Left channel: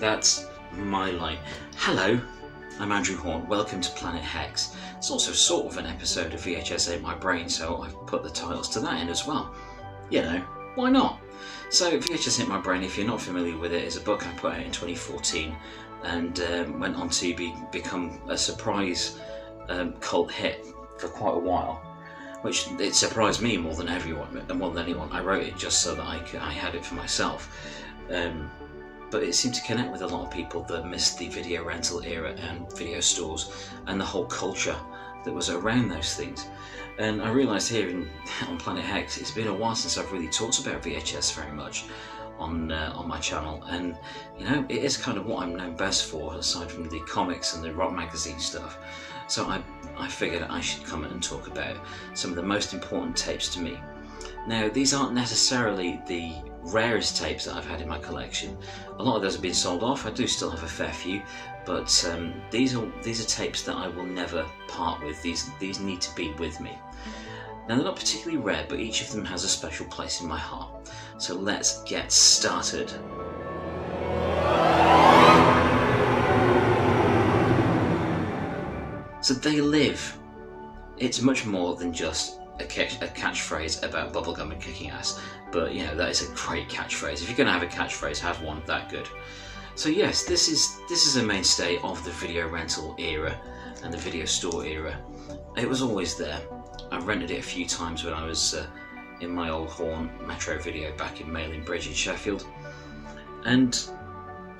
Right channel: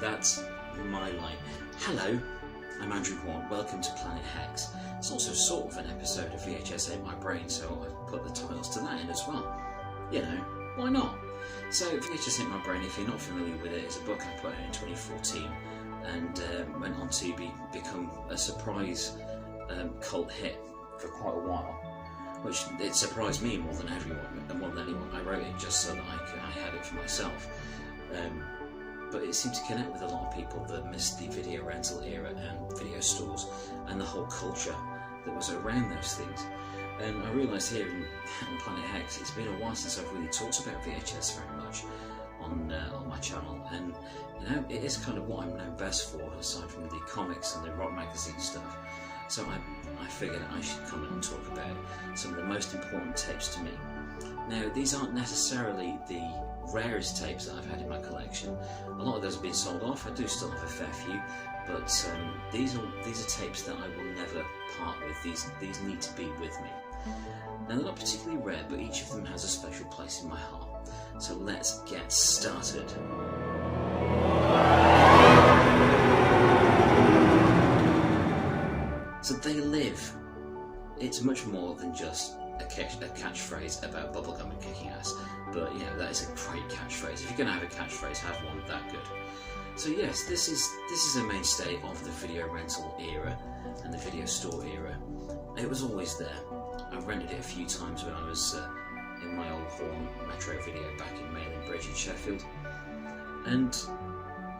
That's my line. Hello, I'm Andrew Hawnt, welcome to Planet Hex. It's also sort of an episode of VHS Ain't My Brain, so I've put the titles to that in as well. You know, why not? So VHS Ain't My Brain, if you're not familiar with it, is a book I put out in 2014 and went on to become a surprise cult hit for quite a while, which it surprised me more than anyone. I wrote it just so that I had it for myself. But it seemed to connect with a lot of people that missed the video rental era and video stores and the whole culture that was around those things. And I realised here on Planet Hex, it's been a while since I've really talked about VHS very much on my channel, and you know, it is kind of what I'm known best for, aside from the comics and the rock magazine stuff. So I figured I should come in and talk about some of the most important tapes to me. Now, these aren't necessarily the rarest tapes that I've had in my collection. A lot of those have been sold off. I do still have a fair few, but these are tapes that I will never part with. These need to be with me. Now, they're not particularly rare, but each of them has a special place in my heart. So let's get started. So They Live. It's much more than just a catchphrase about bubblegum and kicking ass, but you know, that is a great catchphrase. If you're going to have a catchphrase, have one that good. So yes, this is a mainstay of the video rental era and the video store era. It was always there. I rented it a few times when I was in my old Horn Metro Video back in Mayling Bridge in Sheffield, and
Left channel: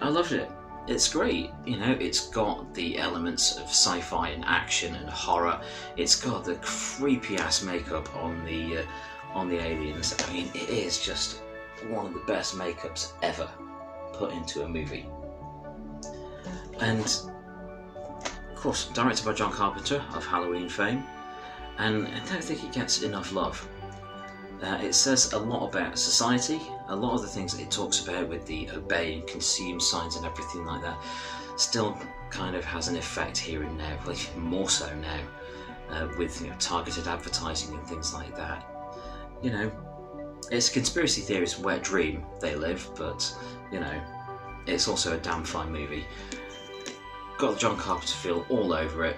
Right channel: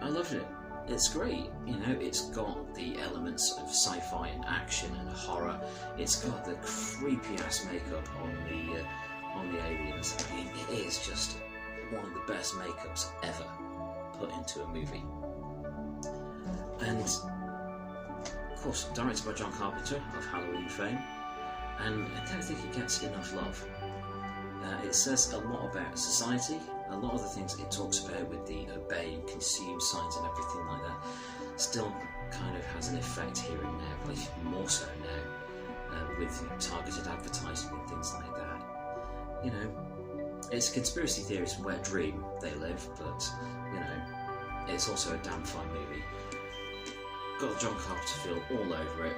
I loved it. It's great, you know, it's got the elements of sci-fi and action and horror. It's got the creepy ass makeup on the aliens. I mean, it is just one of the best makeups ever put into a movie. And of course, directed by John Carpenter of Halloween fame, and I don't think it gets enough love. It says a lot about society. A lot of the things that it talks about with the obey and consume signs and everything like that still kind of has an effect here and now, well, even more so now, with targeted advertising and things like that. You know, it's conspiracy theories wet dream they live, but you know, it's also a damn fun movie. Got the John Carpenter feel all over it,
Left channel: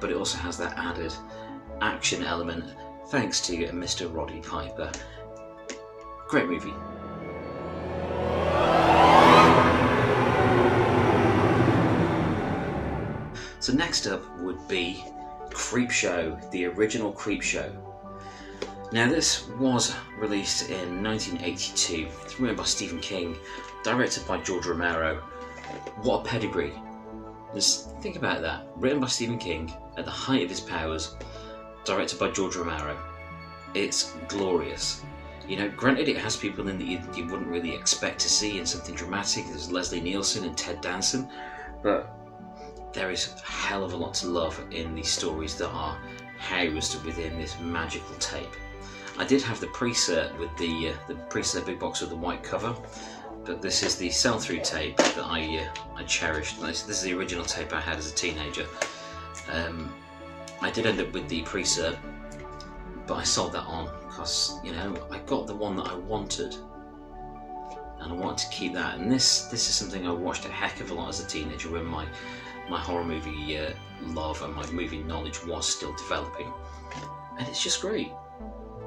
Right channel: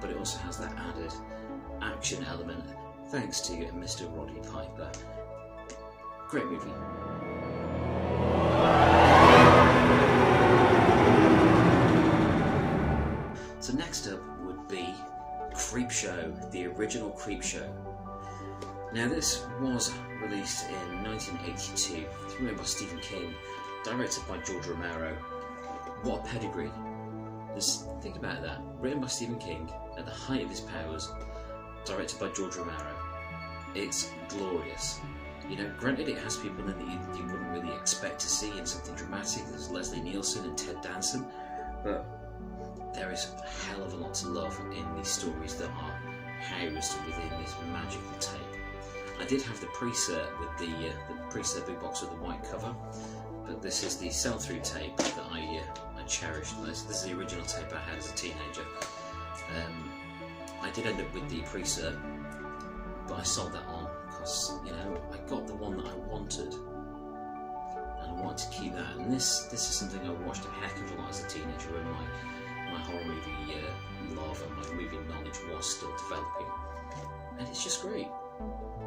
but it also has that added action element thanks to Mr. Roddy Piper. Great movie. So next up would be Creepshow, the original Creepshow. Now this was released in 1982. It's written by Stephen King, directed by George Romero. What a pedigree. Just think about that. Written by Stephen King at the height of his powers, directed by George Romero. It's glorious. You know, granted it has people in that you wouldn't really expect to see in something dramatic. There's Leslie Nielsen and Ted Danson, but there is a hell of a lot to love in these stories that are housed within this magical tape. I did have the pre-cert with the pre-cert big box with the white cover, but this is the sell-through tape that I cherished. This is the original tape I had as a teenager. I did end up with the pre-cert, but I sold that on because, you know, I got the one that I wanted, and I wanted to keep that. And this is something I watched a heck of a lot as a teenager when my horror movie love and my movie knowledge was still developing, and it's just great.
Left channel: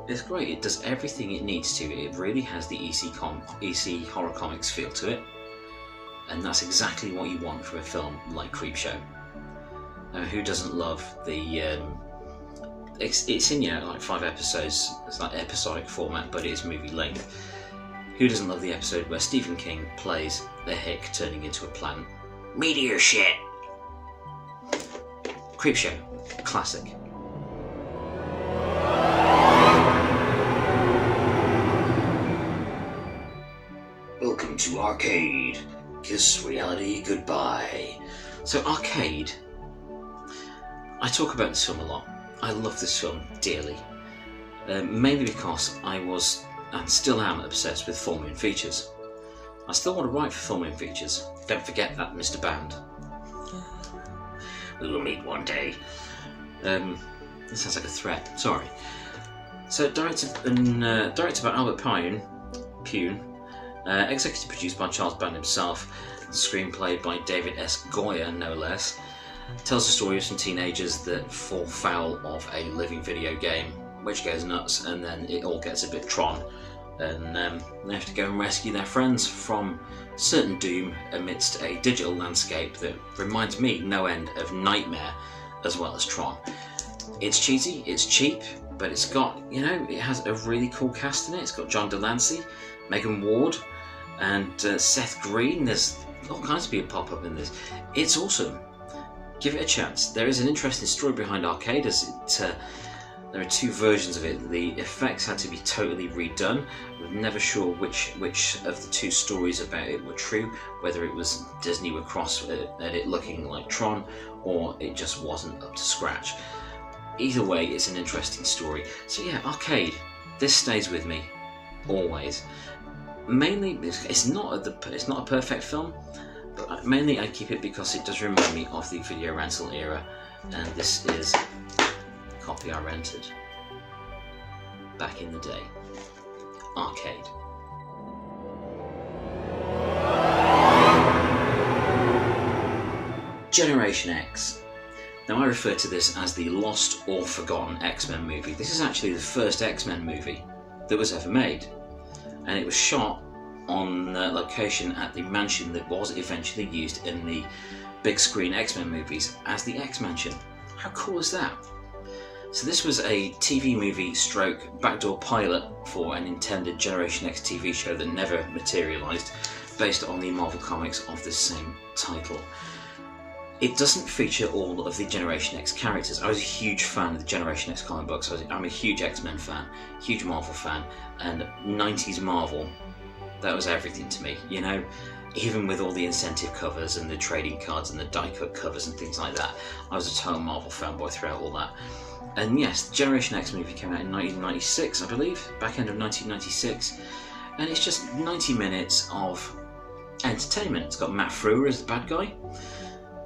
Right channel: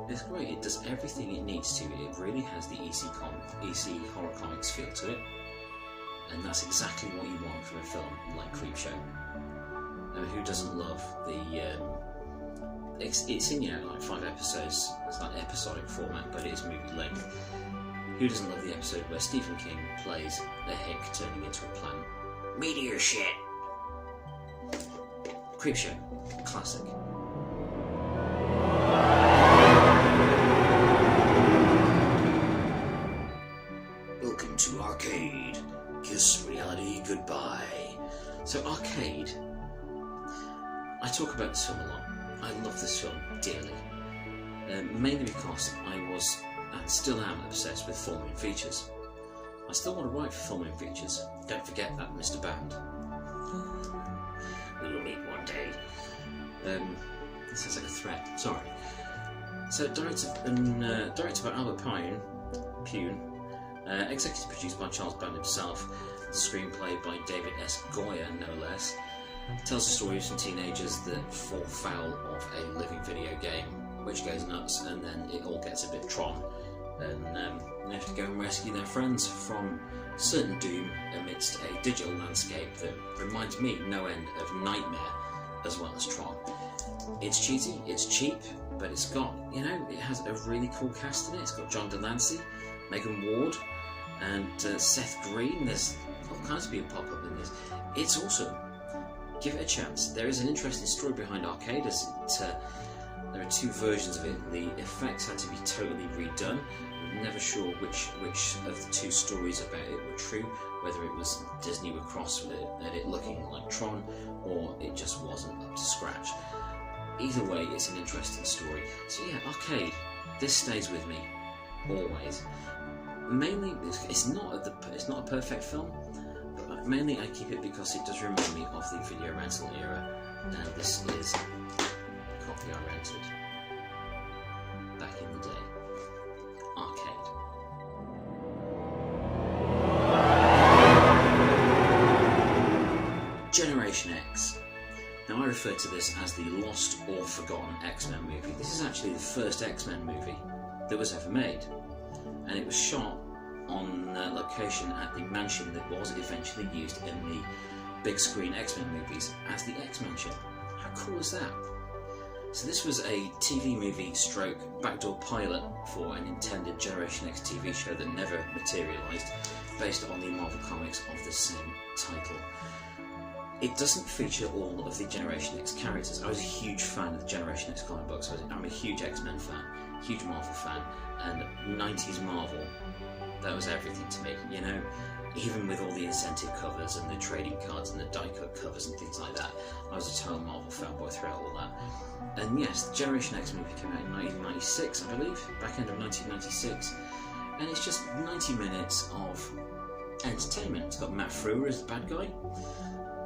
It's great. It does everything it needs to. It really has the EC horror comics feel to it, and that's exactly what you want from a film like Creepshow. Who doesn't love the? It's in, you know, like 5 episodes. It's like episodic format, but it is movie length. Who doesn't love the episode where Stephen King plays the Hick turning into a plant? Meteor shit. Creepshow, classic. Welcome to Arcade. Kiss reality goodbye. So Arcade, I talk about this film a lot. I love this film dearly. Mainly because I was, and still am, obsessed with full moon features. I still want to write for full moon features. Don't forget that, Mr. Band. We'll meet one day. That sounds like a threat. Sorry. So directed by Albert Pune, executive produced by Charles Band himself, the screenplay by David S. Goyer, no less. Tells the story of some teenagers that fall foul of a living video game, which goes nuts, and then it all gets a bit Tron, and they have to go and rescue their friends from certain doom amidst a digital landscape that reminds me no end of Nightmare as well as Tron. It's cheesy, it's cheap, but it's got, it has a really cool cast in it. It's got John Delancey, Megan Ward, and Seth Green. There's all kinds of people pop up in this. It's awesome. Give it a chance. There is an interesting story behind Arcade, as there are two versions of it. The effects had to be totally redone. I'm never sure which of the two stories about it were true, whether it was Disney were cross at it looking like Tron, or it just wasn't up to scratch. Either way, it's an interesting story. So yeah, Arcade. This stays with me always. Mainly, it's not a perfect film, but mainly I keep it because it does remind me of the video rental era, and this is a copy I rented back in the day. Arcade. Generation X. Now I refer to this as the lost or forgotten X-Men movie. This is actually the first X-Men movie that was ever made, and it was shot on location at the mansion that was eventually used in the big screen X-Men movies as the X-Mansion. How cool is that? So this was a TV movie stroke backdoor pilot for an intended Generation X TV show that never materialised, based on the Marvel Comics of the same title. It doesn't feature all of the Generation X characters. I was a huge fan of the Generation X comic books. I'm a huge X-Men fan, huge Marvel fan, and 90s Marvel, that was everything to me, even with all the incentive covers and the trading cards and the die-cut covers and things like that. I was a total Marvel fanboy throughout all that. And yes, the Generation X movie came out in 1996, I believe, back end of 1996, and it's just 90 minutes of entertainment. It's got Matt Frewer as the bad guy,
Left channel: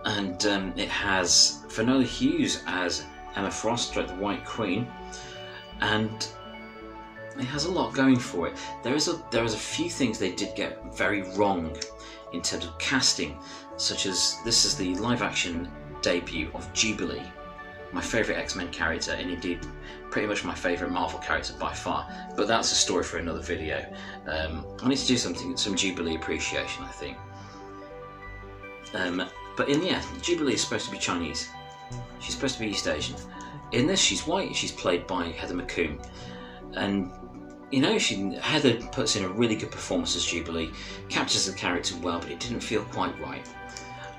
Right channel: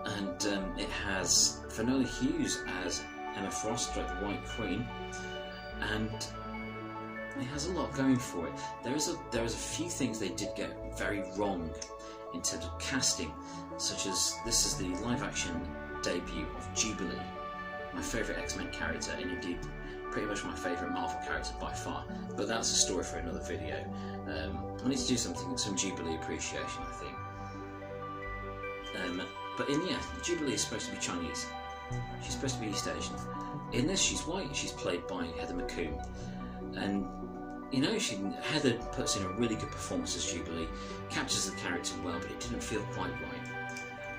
and it has Finola Hughes as Emma Frost, the White Queen, and it has a lot going for it. There is a few things they did get very wrong in terms of casting, such as this is the live-action debut of Jubilee, my favourite X-Men character, and indeed pretty much my favourite Marvel character by far. But that's a story for another video. I need to do some Jubilee appreciation, I think. But Jubilee is supposed to be Chinese. She's supposed to be East Asian. In this, she's white. She's played by Heather McComb, and Heather puts in a really good performance as Jubilee, captures the character well, but it didn't feel quite right.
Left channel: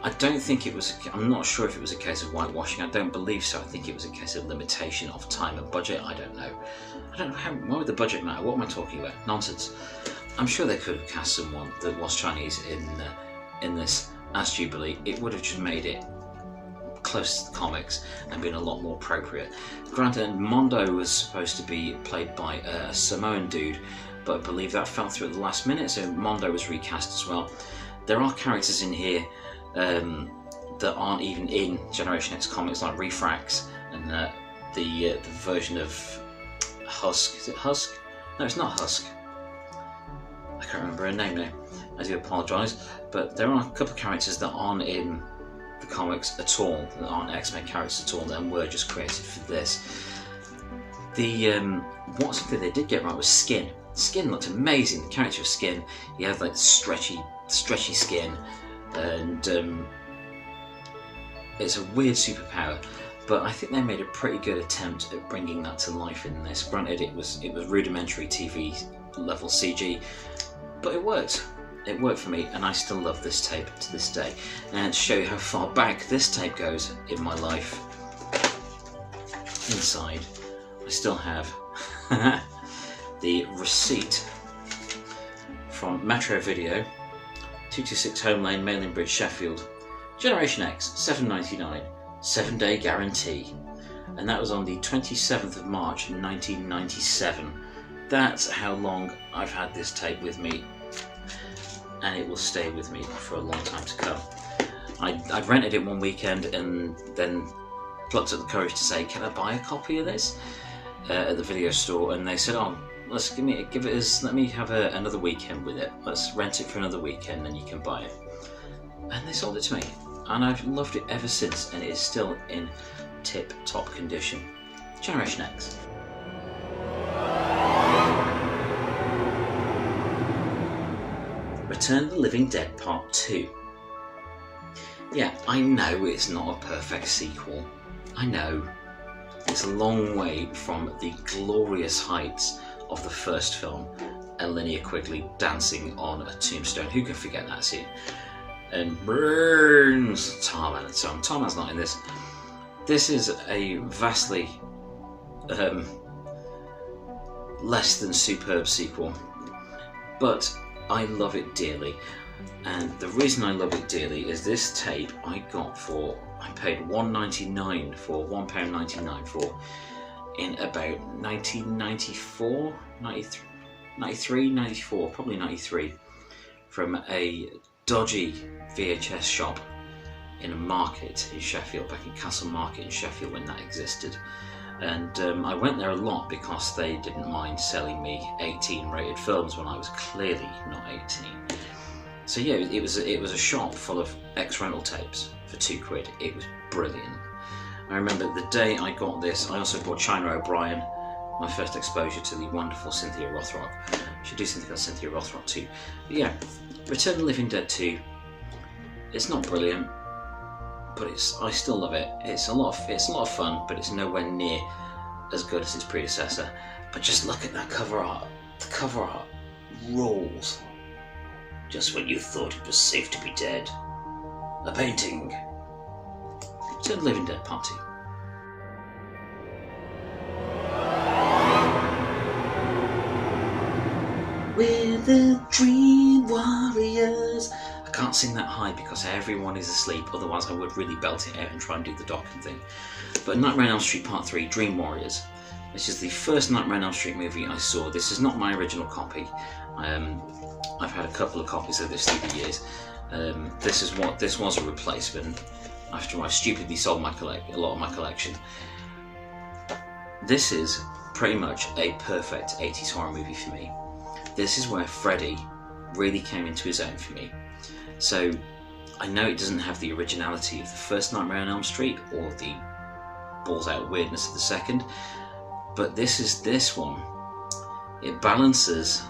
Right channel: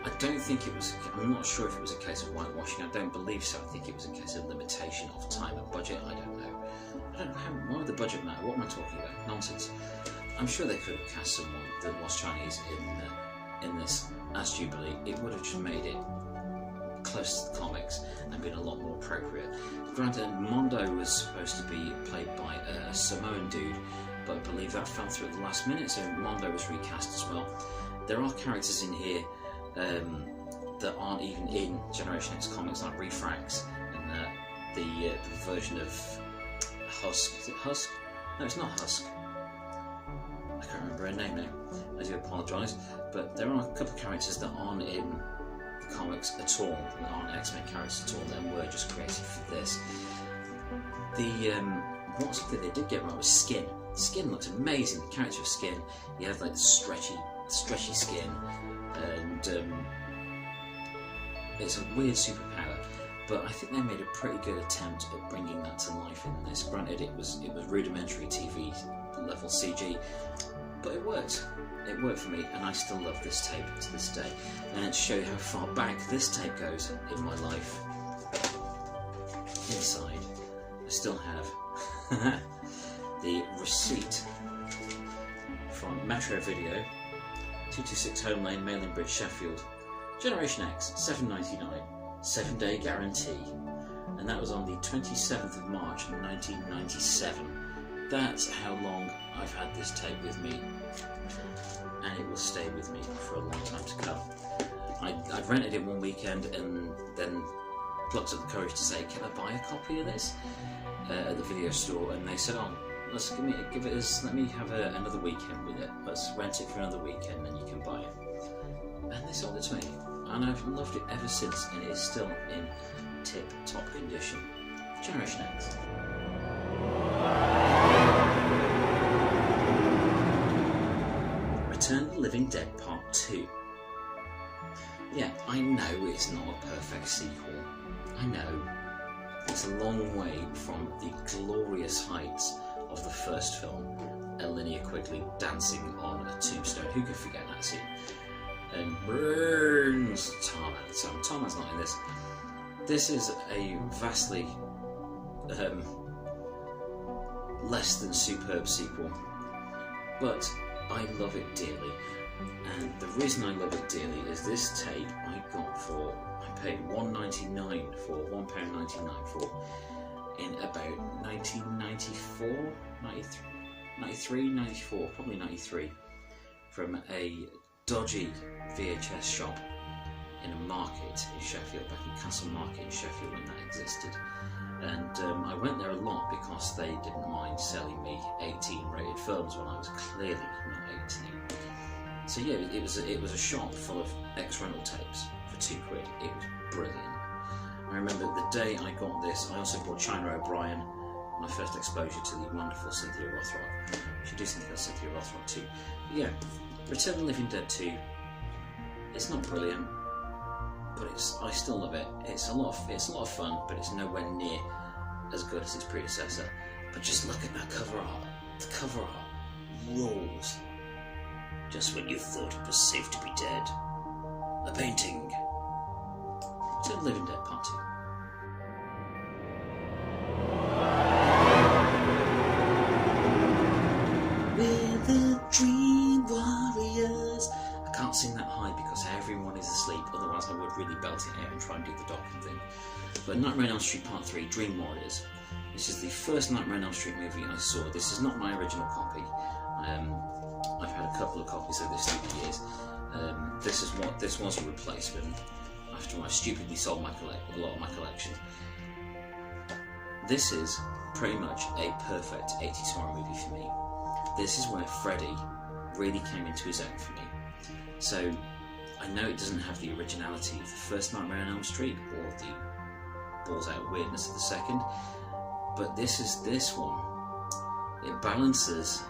I'm not sure if it was a case of whitewashing. I don't believe so. I think it was a case of limitation of time and budget. I don't know why would the budget matter? What am I talking about? Nonsense. I'm sure they could have cast someone that was Chinese in this as Jubilee. It would have just made it close to the comics and been a lot more appropriate. Granted, Mondo was supposed to be played by a Samoan dude, but I believe that fell through at the last minute, so Mondo was recast as well. There are characters in here that aren't even in Generation X comics, like Refrax and the version of Husk. Is it Husk? No, it's not Husk. I can't remember her name now. I do apologise, but there are a couple of characters that aren't in the comics at all, that aren't X-Men characters at all, and were just created for this. Something they did get right was Skin. Skin looked amazing. The character of Skin, he had like stretchy skin, and it's a weird superpower. But I think they made a pretty good attempt at bringing that to life in this. Granted, it was rudimentary TV level CG, but it worked. It worked for me, and I still love this tape to this day. And to show you how far back this tape goes in my life, inside I still have the receipt from Metro Video, 226 Home Lane, Mailing Bridge, Sheffield. Generation X, $7.99, 7-day guarantee. And that was on the 27th of March 1997. That's how long I've had this tape with me, and it will stay with me for a long time to come. I rented it one weekend and then plucked up the courage to say, can I buy a copy of this at the video store? And they said, oh, let me have another weekend with it. Let's rent it for another weekend and you can buy it. And they sold it to me, and I've loved it ever since, and it is still in tip-top condition. Generation X. Return of the Living Dead Part 2. Yeah, I know it's not a perfect sequel. I know. It's a long way from the glorious heights of the first film, Linnea Quigley dancing on a tombstone. Who can forget that scene? And burns Tarman and so on. Tarman's not in this. This is a vastly less than superb sequel, but I love it dearly. And the reason I love it dearly is this tape I paid £1.99 for, £1.99 for, in about 1994, 93, 94, probably 93, from a dodgy VHS shop in a market in Sheffield, back in Castle Market in Sheffield when that existed. And I went there a lot because they didn't mind selling me 18 rated films when I was clearly not 18. So yeah, it was a shop full of ex-rental tapes for £2. It was brilliant. I remember the day I got this, I also bought China O'Brien, my first exposure to the wonderful Cynthia Rothrock. I should do something about Cynthia Rothrock too. But yeah, Return of the Living Dead 2, it's not brilliant, but I still love it. It's a lot of fun, but it's nowhere near as good as its predecessor. But just look at that cover art. The cover art rules. Just when you thought it was safe to be dead. A painting. Return of the Living Dead Part 2. We're the Dream Warriors. I can't sing that high because everyone is asleep, otherwise I would really belt it out and try and do the docking thing. But Nightmare on Elm Street Part 3, Dream Warriors. This is the first Nightmare on Elm Street movie I saw. This is not my original copy. I've had a couple of copies of this through the years. This was a replacement after I stupidly sold a lot of my collection. This is pretty much a perfect 80s horror movie for me. This is where Freddy really came into his own for me. So I know it doesn't have the originality of the first Nightmare on Elm Street or the balls out weirdness of the second, but this one. It balances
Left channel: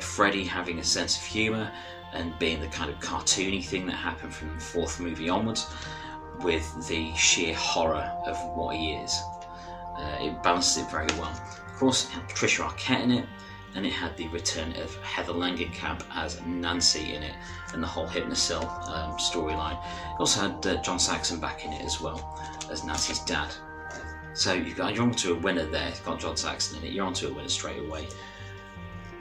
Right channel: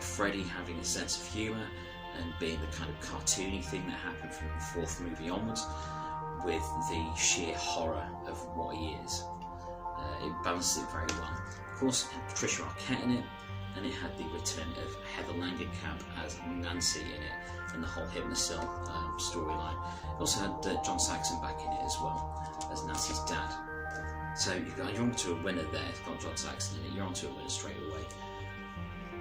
Freddy having a sense of humour and being the kind of cartoony thing that happened from the fourth movie onwards, with the sheer horror of what he is. It balances it very well. Of course, it had Patricia Arquette in it, and it had the return of Heather Langenkamp as Nancy in it, and the whole Hypnocil storyline. It also had John Saxon back in it as well, as Nancy's dad. So you're onto a winner there. It's got John Saxon in it, you're onto a winner straight away.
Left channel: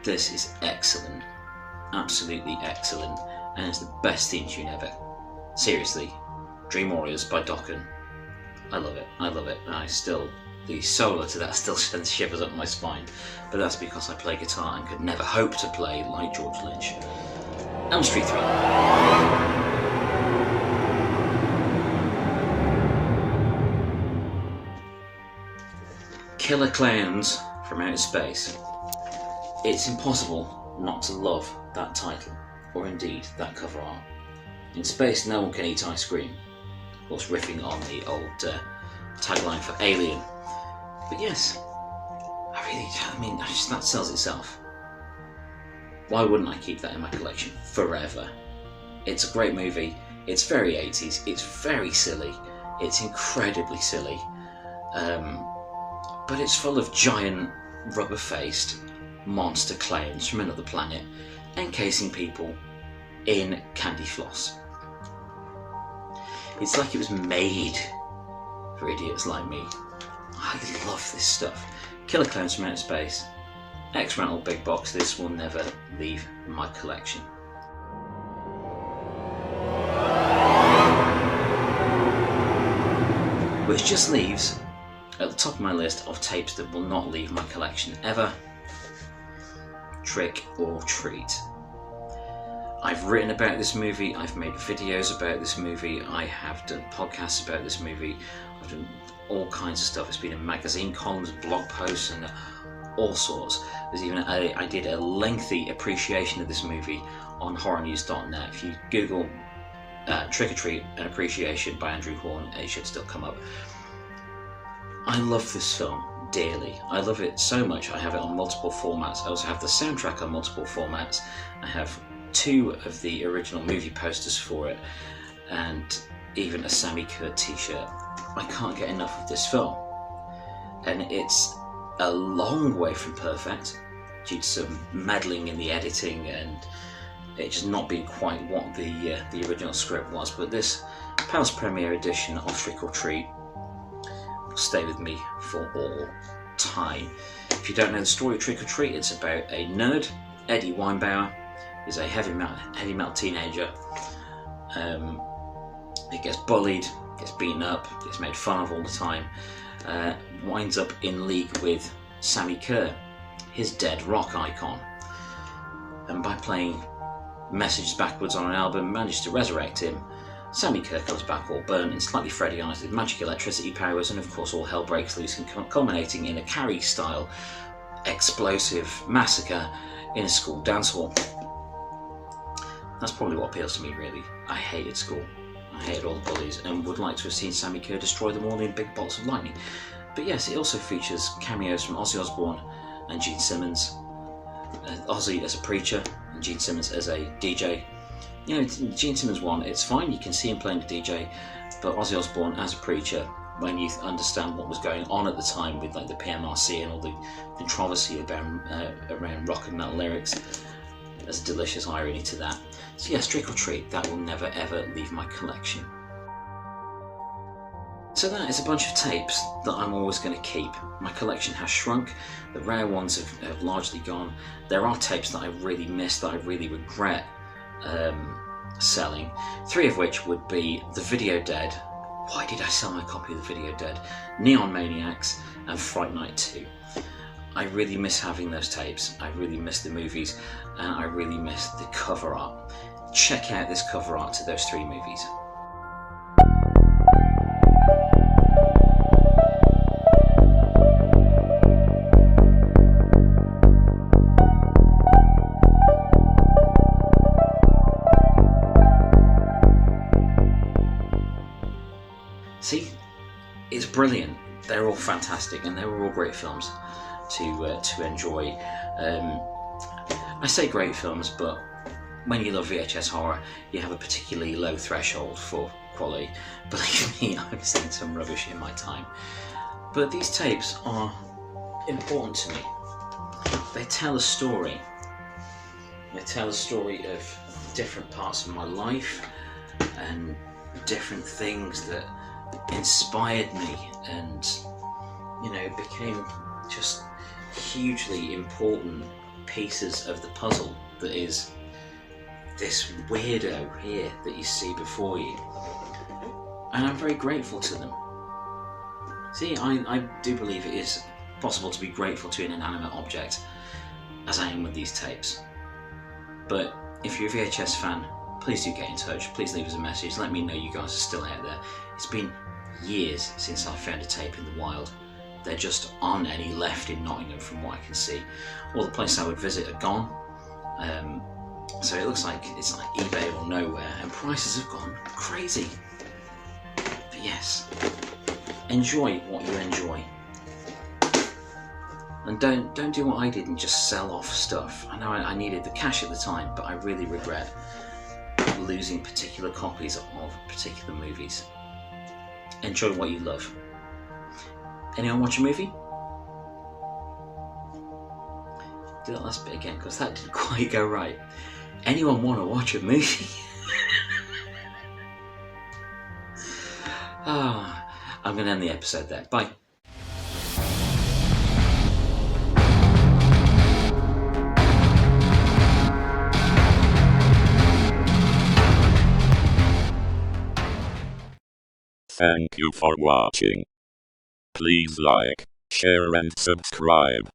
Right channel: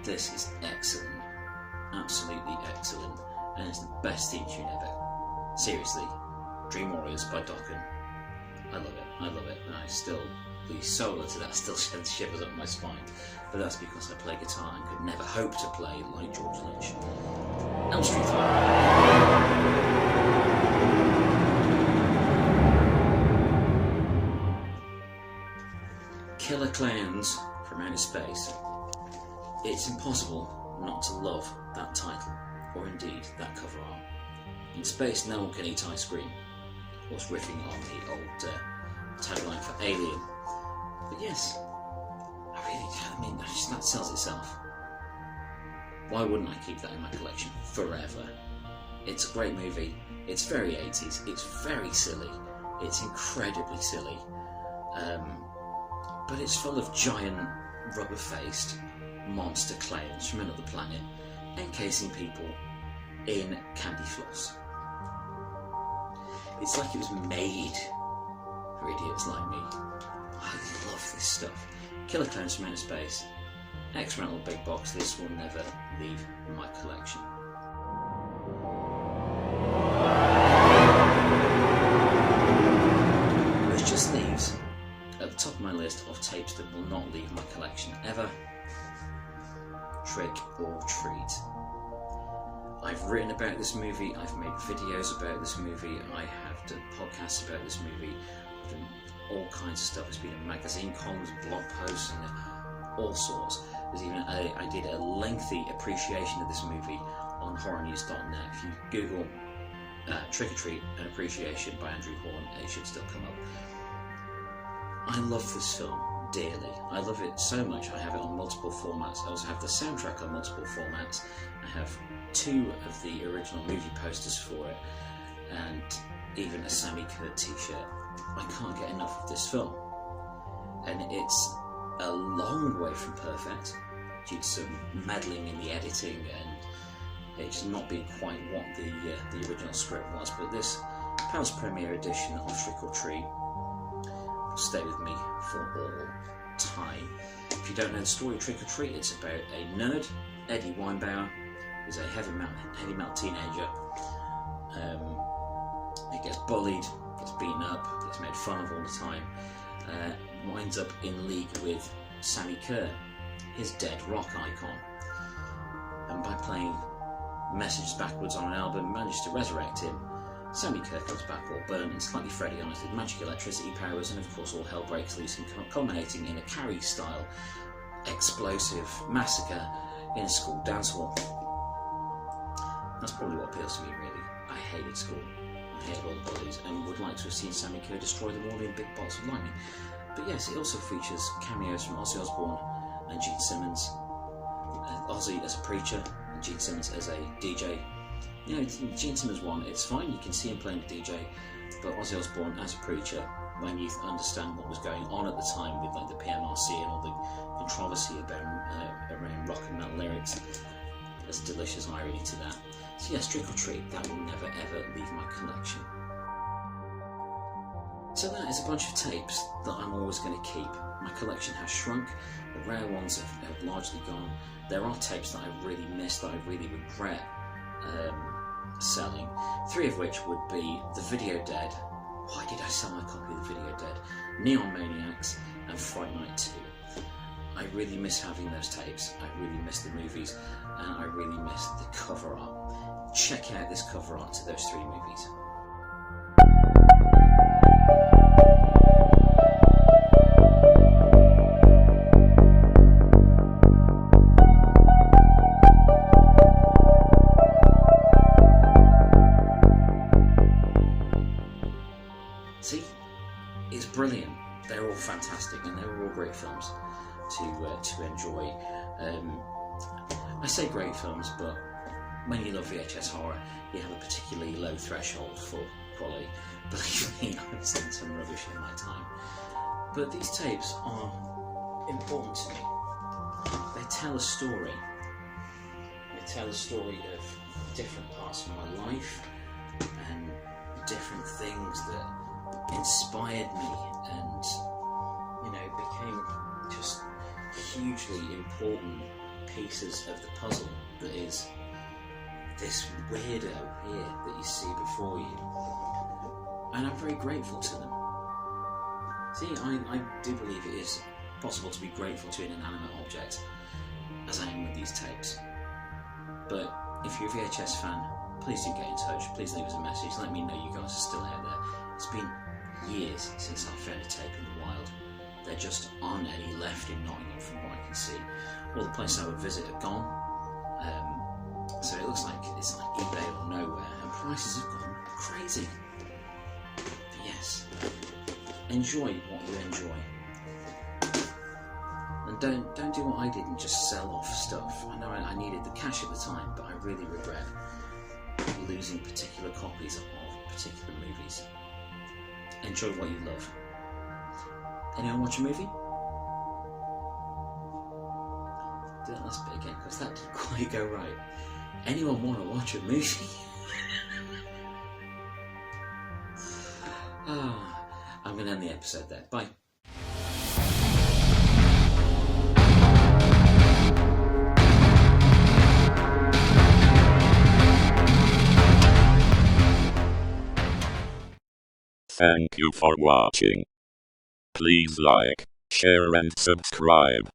This is excellent, absolutely excellent, and it's the best theme tune ever. Seriously, Dream Warriors by Dokken. I love it, I love it. The solo to that still sends shivers up my spine, but that's because I play guitar and could never hope to play like George Lynch. Elm Street 3. Killer Clowns from Outer Space. It's impossible not to love that title, or indeed that cover art. In space, no one can eat ice cream. Of course, riffing on the old tagline for Alien. But yes, that sells itself. Why wouldn't I keep that in my collection forever? It's a great movie. It's very 80s. It's very silly. It's incredibly silly. But it's full of giant, rubber-faced monster clowns from another planet encasing people in candy floss. It's like it was made for idiots like me. I love this stuff. Killer Clowns from Outer Space, X-Rental Big Box. This will never leave my collection. Which just leaves at the top of my list of tapes that will not leave my collection ever. Trick or Treat. I've written about this movie, I've made videos about this movie, I have done podcasts about this movie, I've done all kinds of stuff. It's been in magazine columns, blog posts, and all sorts. There's even I did a lengthy appreciation of this movie on horrornews.net. If you Google Trick or Treat and Appreciation by Andrew Hawnt, it should still come up. I love this film dearly. I love it so much. I have it on multiple formats. I also have the soundtrack on multiple formats. I have 2 of the original movie posters for it, and even a Sammy Kurt t-shirt. I can't get enough of this film, and it's a long way from perfect due to some meddling in the editing and it just not being quite what the original script was. But this Palace Premiere edition of Trick or Treat will stay with me for all time. If you don't know the story of Trick or Treat, it's about a nerd, Eddie Weinbauer, who's a heavy metal teenager. He gets bullied, gets beaten up, gets made fun of all the time, winds up in league with Sammy Kerr, his dead rock icon, and by playing messages backwards on an album manages to resurrect him. Sammy Kerr comes back all burnt and slightly Freddy-ized with magic electricity powers, and of course all hell breaks loose, and culminating in a Carrie-style explosive massacre in a school dance hall. That's probably what appeals to me, really. I hated school. I hated all the bullies and would like to have seen Sammy Kerr destroy them all in big bolts of lightning. But yes, it also features cameos from Ozzy Osbourne and Gene Simmons. Ozzy as a preacher and Gene Simmons as a DJ. You know, Gene Simmons one, it's fine, you can see him playing the DJ, but Ozzy Osbourne as a preacher, when you understand what was going on at the time with like the PMRC and all the controversy about around rock and metal lyrics, there's a delicious irony to that. So yes, Trick or Treat, that will never ever leave my collection. So that is a bunch of tapes that I'm always going to keep. My collection has shrunk, the rare ones have largely gone. There are tapes that I really miss, that I really regret selling. 3 of which would be The Video Dead. Why did I sell my copy of The Video Dead? Neon Maniacs and Fright Night 2. I really miss having those tapes. I really miss the movies, and I really miss the cover art. Check out this cover art to those 3 movies. See, it's brilliant. They're all fantastic, and they were all great films to enjoy. I say great films, but when you love VHS horror, you have a particularly low threshold for quality. Believe me, I've seen some rubbish in my time. But these tapes are important to me. They tell a story. They tell a story of different parts of my life and different things that inspired me and, you know, became just hugely important pieces of the puzzle that is this weirdo here that you see before you. And I'm very grateful to them. See, I do believe it is possible to be grateful to an inanimate object, as I am with these tapes. But if you're a VHS fan, please do get in touch. Please leave us a message. Let me know you guys are still out there. It's been years since I found a tape in the wild. There just aren't any left in Nottingham from what I can see. All the places I would visit are gone. So it looks like it's like eBay or nowhere, and prices have gone crazy. But yes, enjoy what you enjoy. And don't do what I did and just sell off stuff. I know I needed the cash at the time, but I really regret losing particular copies of particular movies. Enjoy what you love. Anyone watch a movie? Do that last bit again, because that didn't quite go right. Anyone want to watch a movie? I'm going to end the episode there. Bye. Thank you for watching. Please like, share and subscribe.